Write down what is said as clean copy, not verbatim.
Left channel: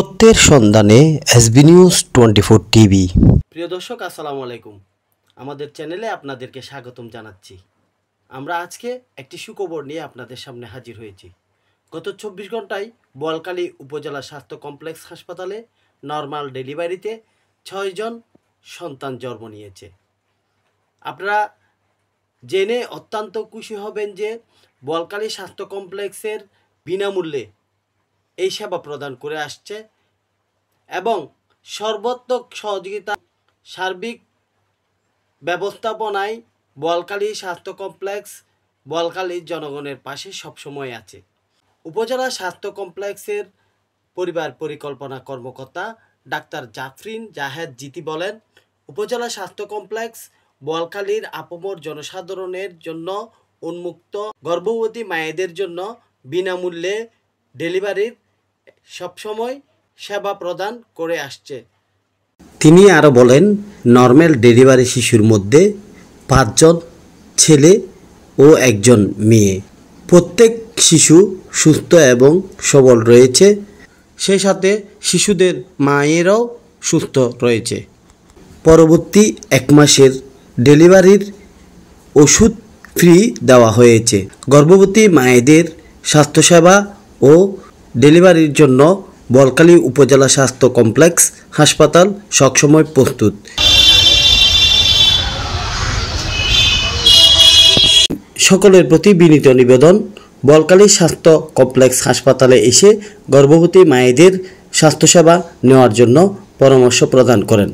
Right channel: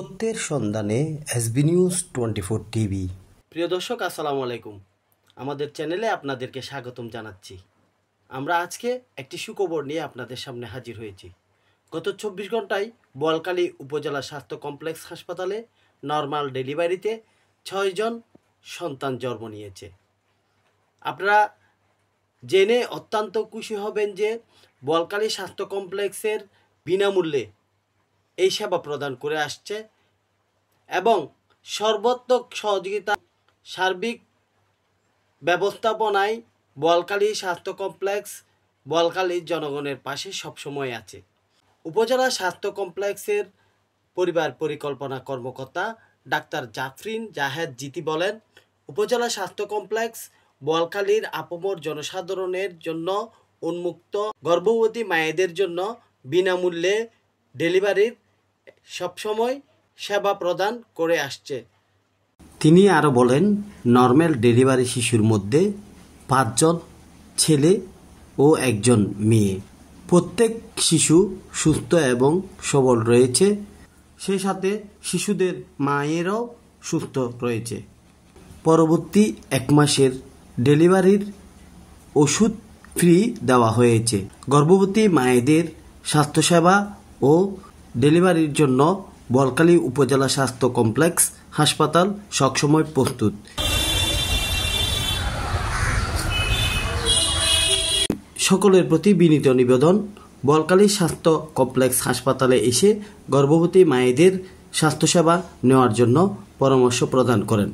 সত্যের সন্ধানে SB news 24 TV. প্রিয় দর্শক, আসসালামু আলাইকুম। আমাদের চ্যানেলে আপনাদেরকে স্বাগতম জানাচ্ছি। আমরা আজকে একটি সুখবর নিয়ে আপনাদের সামনে হাজির হয়েছি। গত 24 ঘন্টায় বোয়ালখালী উপজেলা স্বাস্থ্য কমপ্লেক্স হাসপাতালে নর্মাল ডেলিভারিতে 6 জন সন্তান জন্ম নিয়েছে। আপনারা জেনে অত্যন্ত খুশি হবেন যে বোয়ালখালী স্বাস্থ্য কমপ্লেক্সের বিনামূল্যে এই সেবা প্রদান করে আসছে এবং সর্বাত্মক সহযোগিতা সার্বিক ব্যবস্থাপনায় বোয়ালখালী স্বাস্থ্য কমপ্লেক্স বোয়ালখালীর জনগণের পাশে সবসময় আছে। উপজেলা স্বাস্থ্য কমপ্লেক্সের পরিবার পরিকল্পনা কর্মকর্তা ডাক্তার জাফরিন জাহেদ জিতি বলেন, উপজেলা স্বাস্থ্য কমপ্লেক্স বোয়ালখালীর আপামর জনসাধারণের জন্য উন্মুক্ত, গর্ভবতী মায়েদের জন্য বিনামূল্যে ডেলিভারির সবসময় সেবা প্রদান করে আসছে। তিনি আরও বলেন, নর্মাল ডেলিভারি শিশুর মধ্যে 5 জন ছেলে ও 1 জন মেয়ে। প্রত্যেক শিশু সুস্থ এবং সবল রয়েছে, সেই সাথে শিশুদের মায়েরাও সুস্থ রয়েছে। পরবর্তী 1 মাসের ডেলিভারির ওষুধ ফ্রি দেওয়া হয়েছে। গর্ভবতী মায়েদের স্বাস্থ্যসেবা ও ডেলিভারির জন্য বোয়ালখালী উপজেলা স্বাস্থ্য কমপ্লেক্স হাসপাতাল সবসময় প্রস্তুত। সকলের প্রতি বিনীত নিবেদন, বোয়ালখালী স্বাস্থ্য কমপ্লেক্স হাসপাতালে এসে গর্ভবতী মায়েদের স্বাস্থ্যসেবা নেওয়ার জন্য পরামর্শ প্রদান করেন।